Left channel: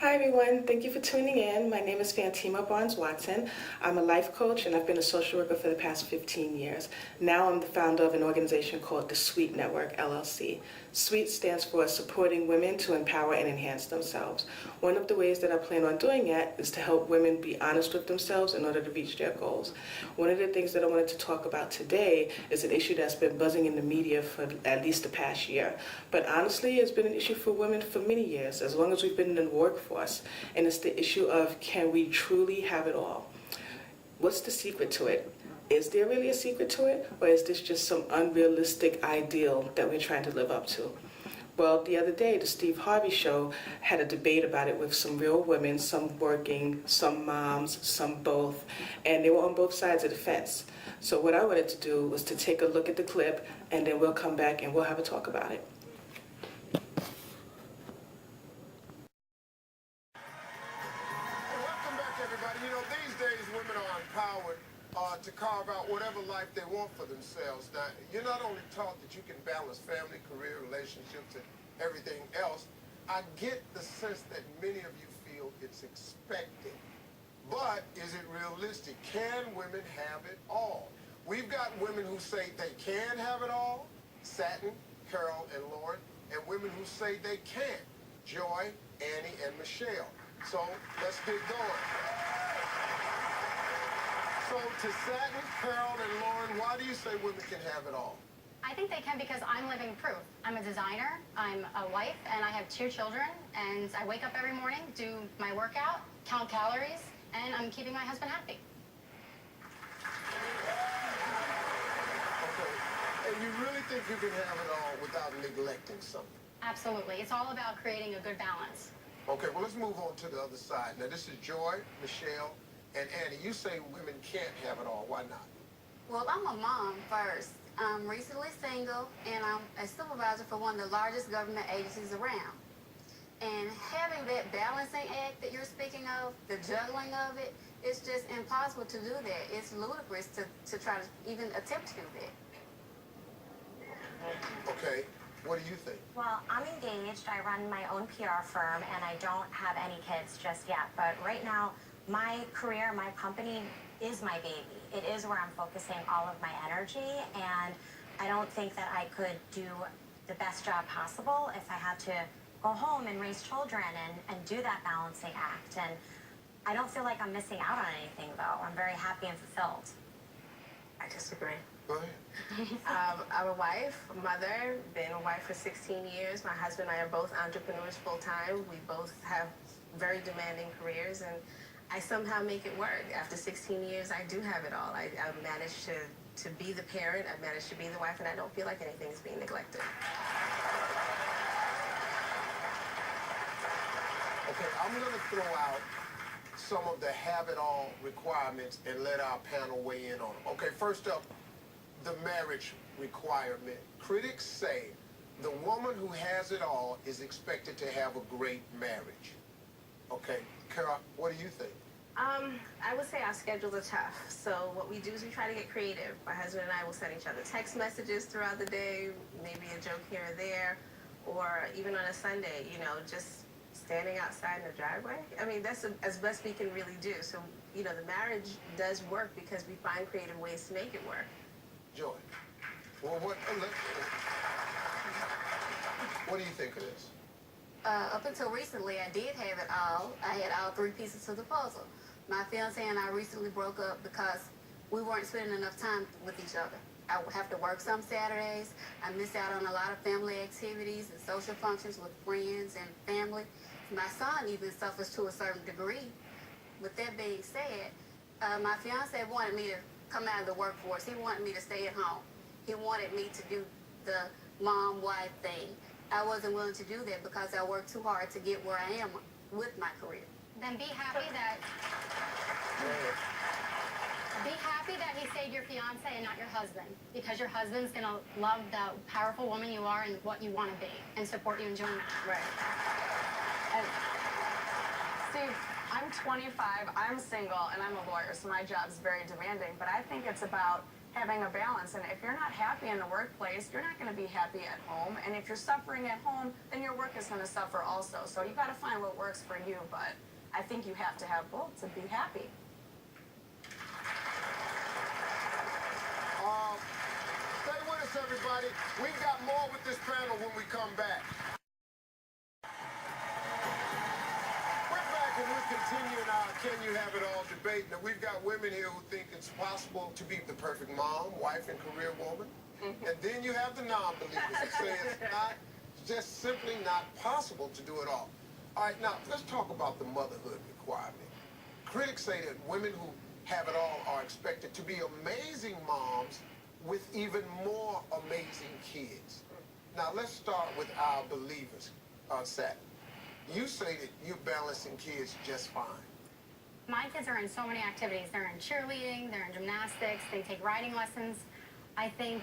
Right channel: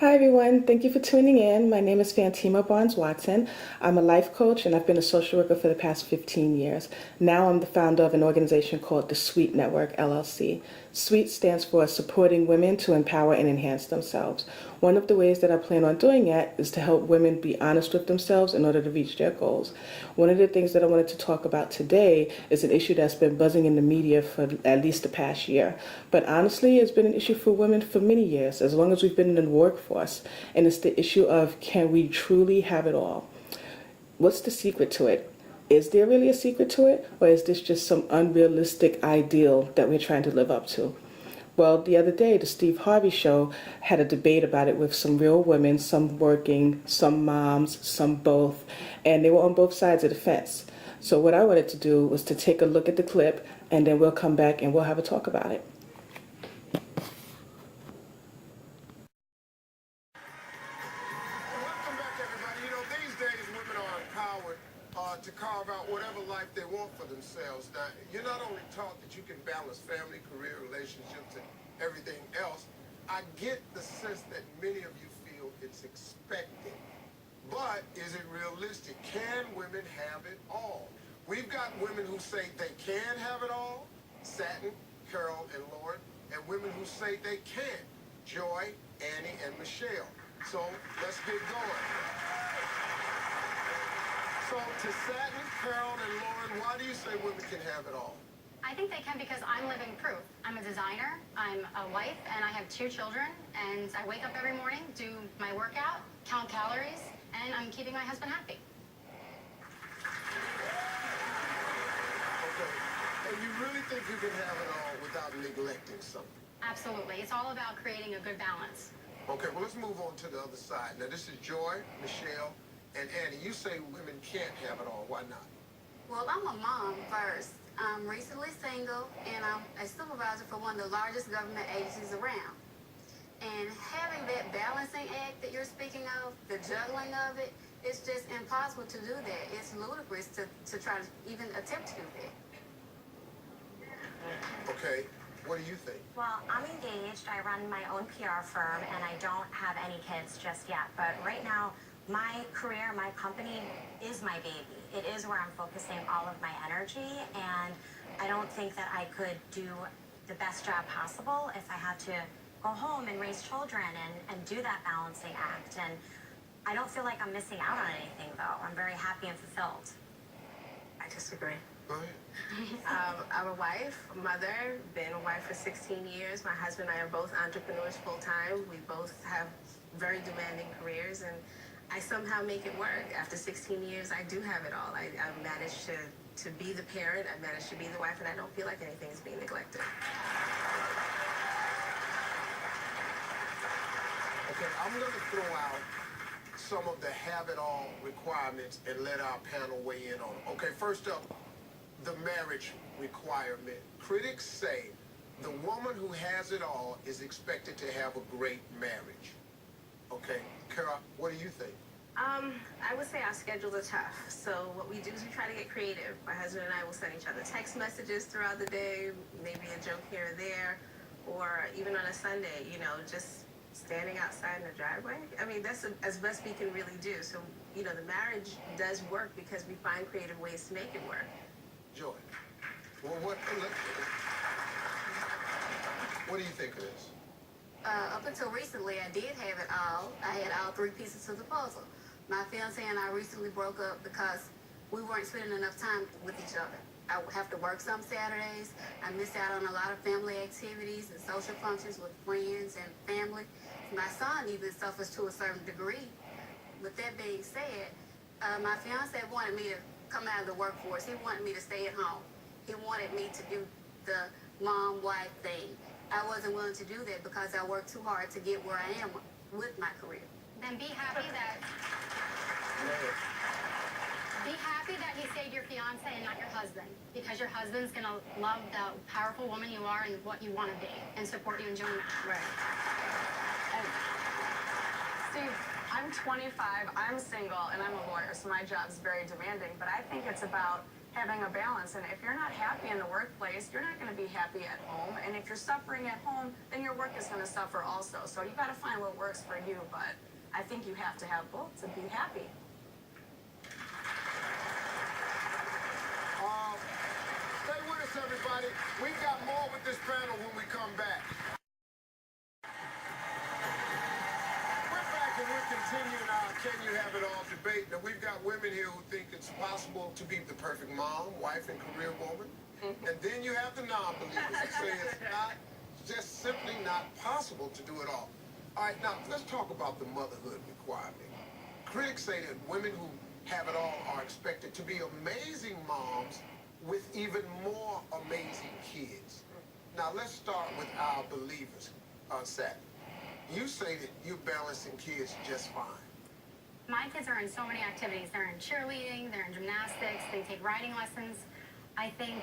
Hi everyone, thank you for tuning in. My name is Fantima Barnes-Watson. I'm a life coach and I've been a social worker for the past 15 years. Now I'm the founder of an organization called the SWEET Network, LLC. SWEET stands for Supporting Women to Empower and Enhance Themselves. One of the ways that I plan on doing that is to help women be honest with themselves in order to reach their goals. One of the things that I wanted to talk about today is an issue that's been buzzing in the media for at least the past year. But honestly, it's been an issue for women for many years, as long as we've been in the workforce. And it's the issue of, can we truly have it all? What's the secret to it? Is there really a secret to it? Or is this just some unrealistic ideal that we're trying to live up to? Well, the other day, the Steve Harvey show had a debate about it with some real women, some working, some moms, some both, and they were on both sides of the fence. So what I wanted to do was to take a look at the clip, and then we'll come back and we'll have a talk about it. Welcome back, everybody. You know, these days women are empowered to carve out whatever life they want for themselves. Now, you're not only taught that you can balance family, career, relationships, and everything else. I get the sense that many of you feel it's expected. But is it realistic? Can women have it all? We've got women who say they can have it all, Satin, Carol, and Lauren, and women who say they can't, Joy, Annie, and Michelle. So let's get going. So to Satin, Carol, and Lauren, why do you say women can have it all? I think they can because I'm living proof. I'm a designer, I'm a wife, and I have 2 children, and I wake up every morning, do my workout, count calories, and I'm keeping my husband happy. Okay. And you really think you can have it all without neglecting something? Absolutely. It's all about creating a good balance. Okay, well, let's move on to the other side. Now, this is Joy, Michelle, and Annie. You say women can't have it all. Why not? Well, I'm a mom first. I'm recently single, and I'm a supervisor for one of the largest government agencies around. And having that balancing act that you're speaking of, the juggling of it, it's just impossible to do that. It's ludicrous to try to even attempt to do that. Okay, what do you think? Well, I'm engaged. I run my own PR firm, and I don't have any kids just yet. But right now, my career, my company is my baby. It is where I'm focusing all of my energy, and I don't think that I could do the best job possible if I had to go home and raise children and do that balancing act. And I don't feel like I'm missing out on anything, though. I'm very happy and fulfilled. I disagree. Go ahead. I'm a wife, a mother, been a wife for 16 years. My husband and I are both entrepreneurs full-time. We both have very demanding careers, and I somehow make it work. After 16 years, I do have it all. I managed to be the parent, I managed to be the wife, and I don't feel like anything is being neglected. Okay, I'm going to throw out some of the have-it-all requirements and let our panel weigh in on them. Okay, first up, the marriage requirement. Critics say the woman who has it all is expected to have a great marriage. Okay, Carol, what do you think? I would say our schedules are tough. So what we do is we try to get creative. My husband and I will send each other text messages throughout the day, maybe a joke here or there, or even on a Sunday, just standing outside in the driveway. I mean, that's as best we can really do. So, the marriage does work because we find creative ways to make it work. Joy. Well, what do you think of this? Up until recently, I did have it all. I had all 3 pieces to the puzzle. My fiance and I recently broke up because we weren't spending enough time with each other. I would have to work some Saturdays. I missed out on a lot of family activities and social functions with friends and family. My son even suffers to a certain degree. With that being said, my fiance wanted me to come out of the workforce. He wanted me to stay at home. He wanted me to do the mom-wife thing. I wasn't willing to do that because I worked too hard to get where I am with my career. Then be happy that he stayed your fiance and not your husband, because your husband's gonna love the powerful woman you are and what you want to be, and support you in doing that. Right. And Steve, I'm 25, I'm single, and I'm a lawyer, so my job's very demanding, but I think it's about having a balance. And if you're not happy in the workplace, you're not going to be happy at home. And if you're suffering at home, then your work is going to suffer also. So you got to find what works for you. But I think you have to have both to be happy. Stay with us, everybody. We've got more with this panel when we come back. We're back and we're continuing our Can You Have It All debate. Now, we've got women here who think it's possible to be the perfect mom, wife, and career woman. And then you have the non-believers who say it's not, just simply not possible to do it all. All right, now, let's talk about the motherhood requirement. Critics say that women who have it all are expected to be amazing moms with even more amazing kids. Now, let's start with our believers. Seth, you say that you're balancing kids just fine. My kids are in so many activities. They're in cheerleading, they're in gymnastics, they take riding lessons. I think,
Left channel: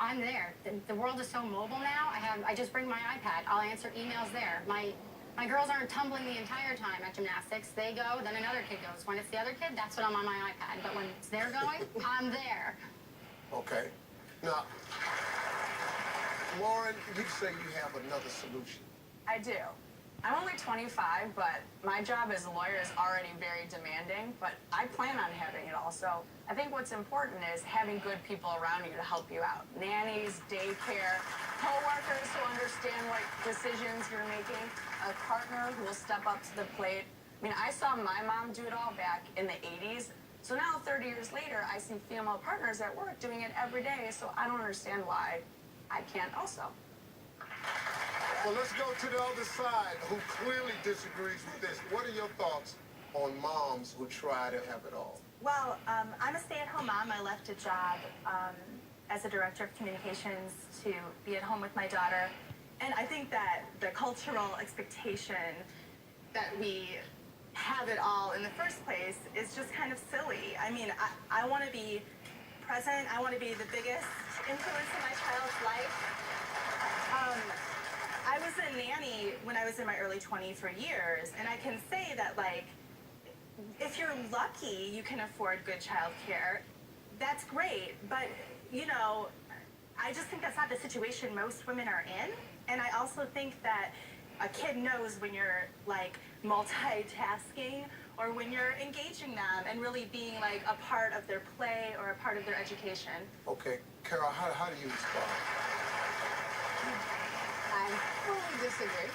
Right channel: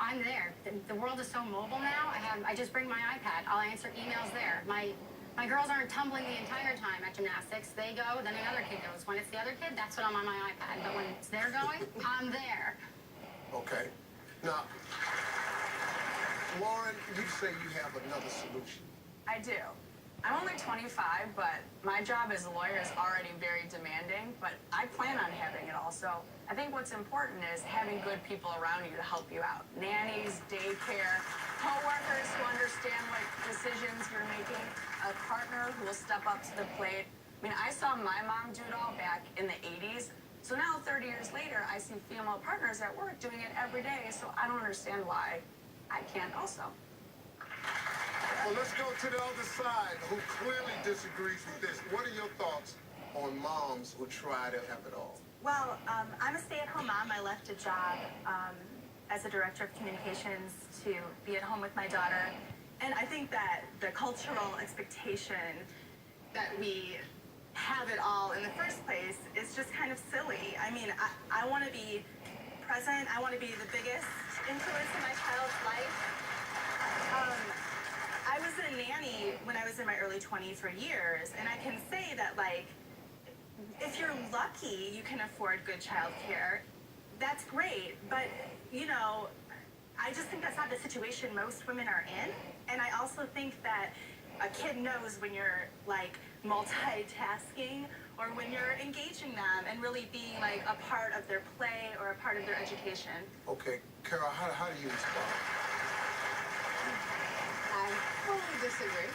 I'm there. The world is so mobile now. I just bring my iPad. I'll answer emails there. My girls aren't tumbling the entire time at gymnastics. They go, then another kid goes. When it's the other kid, that's when I'm on my iPad. But when it's they're going, I'm there. Okay. Now, Lauren, you say you have another solution. I do. I'm only 25, but my job as a lawyer is already very demanding, but I plan on having it all. So I think what's important is having good people around you to help you out. Nannies, daycare, co-workers who understand what decisions you're making, a partner who will step up to the plate. I mean, I saw my mom do it all back in the 80s. So now, 30 years later, I see female partners at work doing it every day. So I don't understand why I can't also. Well, let's go to the other side who clearly disagrees with this. What are your thoughts on moms who try to have it all? Well, I'm a stay-at-home mom. I left a job as a director of communications to be at home with my daughter. And I think that the cultural expectation that we have it all in the first place is just kind of silly. I mean, I want to be present. I want to be the biggest influence in my child's life. I was a nanny when I was in my early 20s for years, and I can say that, like, if you're lucky, you can afford good childcare. That's great, but, I just think that's not the situation most women are in. And I also think that a kid knows when you're, like, multitasking or when you're engaging them and really being, like, a part of their play or a part of their education. Okay, Carol, how do you respond? I fully disagree.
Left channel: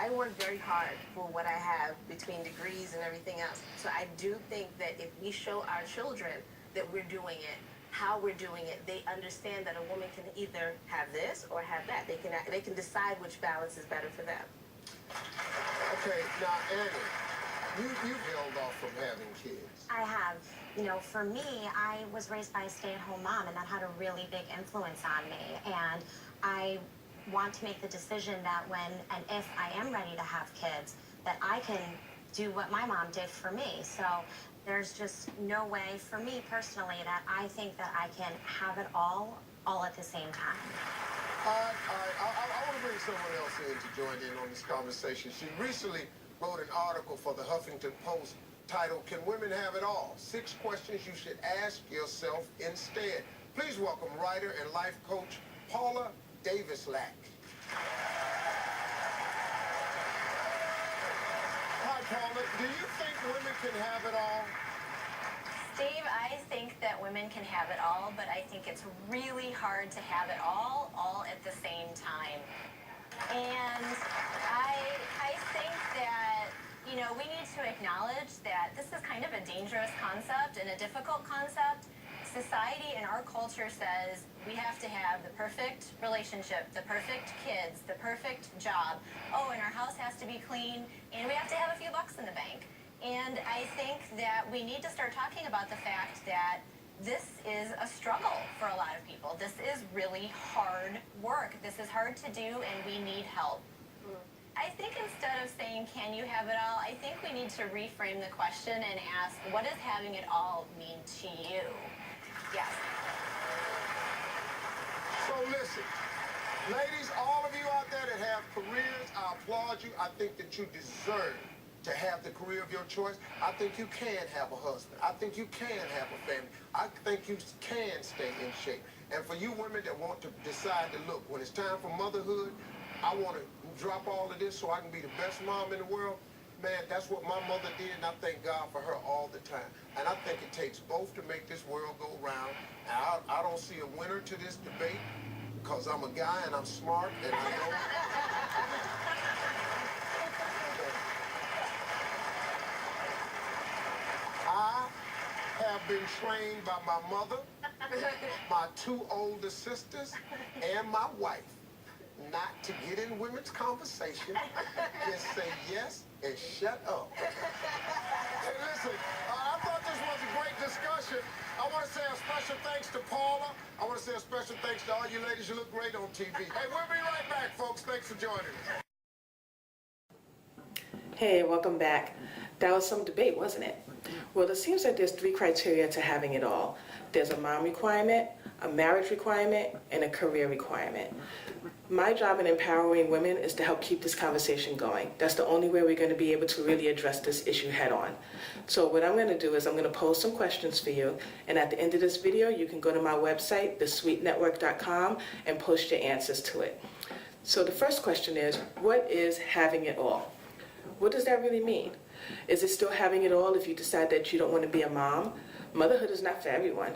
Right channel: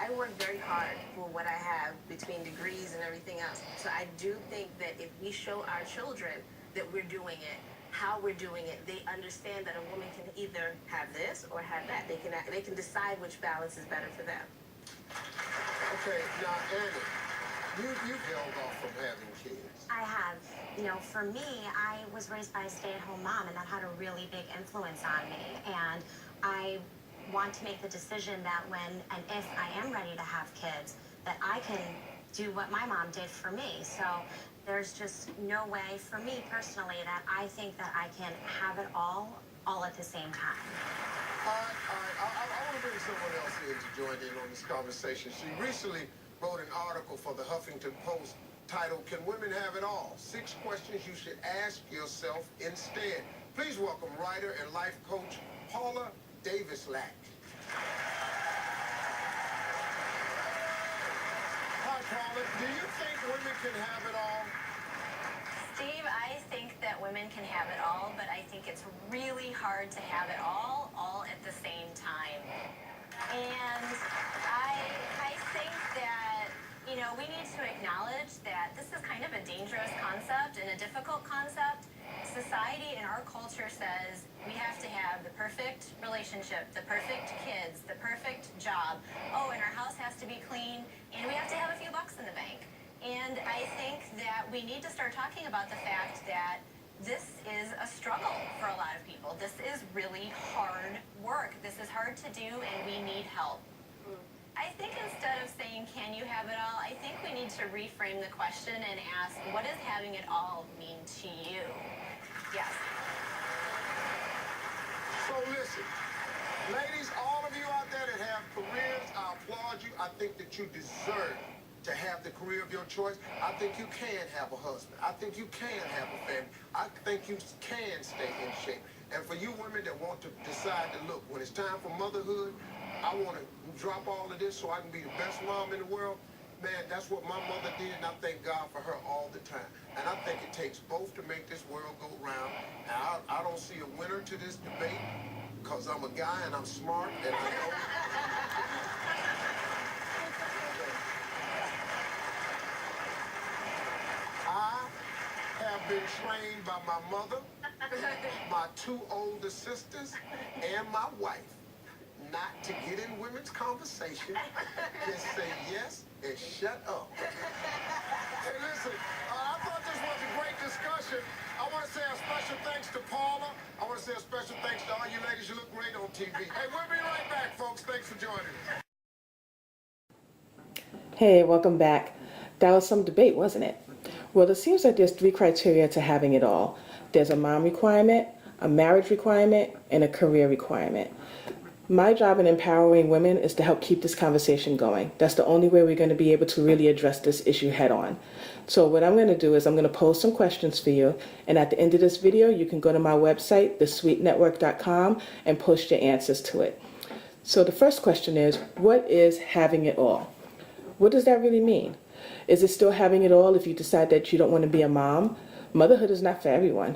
I work very hard for what I have between degrees and everything else. So I do think that if we show our children that we're doing it, how we're doing it, they understand that a woman can either have this or have that. They can decide which balance is better for them. Okay, now Annie, you've held off from having kids. I have. For me, I was raised by a stay-at-home mom, and that had a really big influence on me. And I want to make the decision that when and if I am ready to have kids, that I can do what my mom did for me. So there's just no way for me personally that I think that I can have it all at the same time. All right. I want to bring someone else in to join in on this conversation. She recently wrote an article for the Huffington Post titled, Can Women Have It All? 6 Questions You Should Ask Yourself Instead. Please welcome writer and life coach Paula Davis-Lack. Hi, Paula. Do you think women can have it all? Steve, I think that women can have it all, but I think it's really hard to have it all at the same time. And I think that, we need to acknowledge that this is kind of a dangerous concept and a difficult concept. Society and our culture says we have to have the perfect relationship, the perfect kids, the perfect job. Oh, and our house has to be clean, and we have to have a few bucks in the bank. And I think that we need to start talking about the fact that this is a struggle for a lot of people. This is really hard work. This is hard to do, and we need help. I think instead of saying, can you have it all, I think we need to reframe the question and ask, what does having it all mean to you? Yes. So listen, ladies, all of you out there that have careers, I applaud you. I think that you deserve to have the career of your choice, I think you can have a husband. I think you can have a family. I think you can stay in shape. And for you women that want to decide to look, when it's time for motherhood, I want to drop all of this so I can be the best mom in the world. Man, that's what my mother did, and I thank God for her all the time. And I think it takes both to make this world go round. And I don't see a winner to this debate because I'm a guy and I'm smart and I know. I have been trained by my mother, my two older sisters, and my wife not to get in women's conversation, just say yes and shut up. Hey, listen, I thought this was a great discussion. I want to say a special thanks to Paula. I want to say a special thanks to all you ladies. You look great on TV. Hey, we'll be right back, folks. Thanks for joining us. Hey, welcome back. That was some debate, wasn't it? Well, it seems like there's 3 criteria to having it all. There's a mom requirement, a marriage requirement, and a career requirement. My job in empowering women is to help keep this conversation going. That's the only way we're going to be able to really address this issue head on. So what I'm going to do is I'm going to pose some questions for you, and at the end of this video, you can go to my website, thesweetnetwork.com, and post your answers to it. So the first question is, what is having it all? What does that really mean? Is it still having it all if you decide that you don't want to be a mom? Motherhood is not for everyone.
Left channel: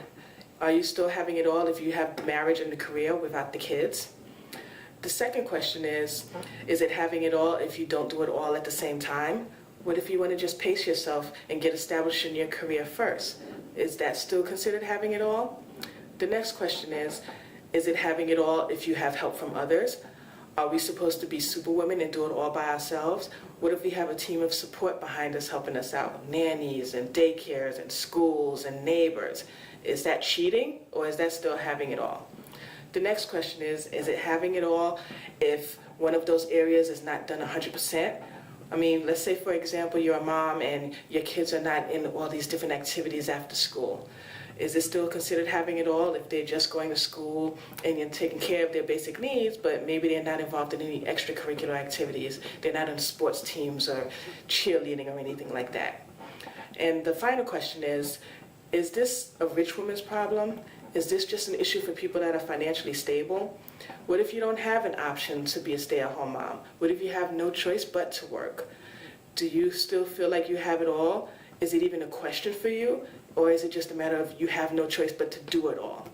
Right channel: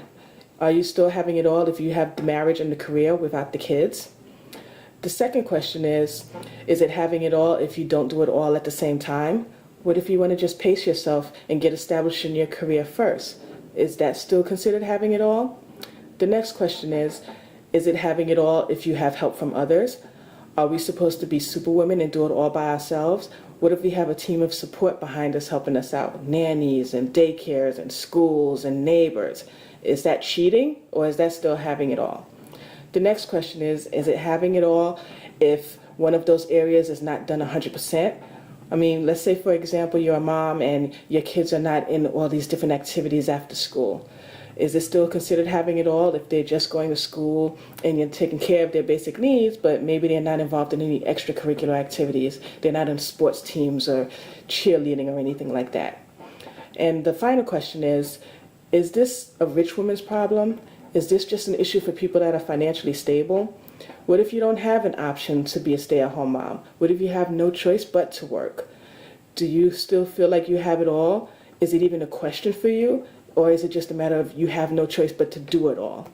Are you still having it all if you have the marriage and the career without the kids? The second question is it having it all if you don't do it all at the same time? What if you want to just pace yourself and get established in your career first? Is that still considered having it all? The next question is it having it all if you have help from others? Are we supposed to be superwomen and do it all by ourselves? What if we have a team of support behind us helping us out? Nannies and daycares and schools and neighbors. Is that cheating or is that still having it all? The next question is it having it all if one of those areas is not done 100%? I mean, let's say, for example, you're a mom and your kids are not in all these different activities after school. Is it still considered having it all if they're just going to school and you're taking care of their basic needs, but maybe they're not involved in any extracurricular activities? They're not in sports teams or cheerleading or anything like that. And the final question is this a rich woman's problem? Is this just an issue for people that are financially stable? What if you don't have an option to be a stay-at-home mom? What if you have no choice but to work? Do you still feel like you have it all? Is it even a question for you? Or is it just a matter of you have no choice but to do it all?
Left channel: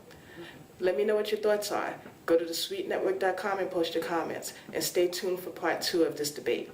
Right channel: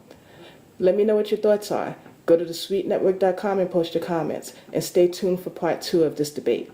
Let me know what your thoughts are. Go to thesweetnetwork.com and post your comments. And stay tuned for part 2 of this debate.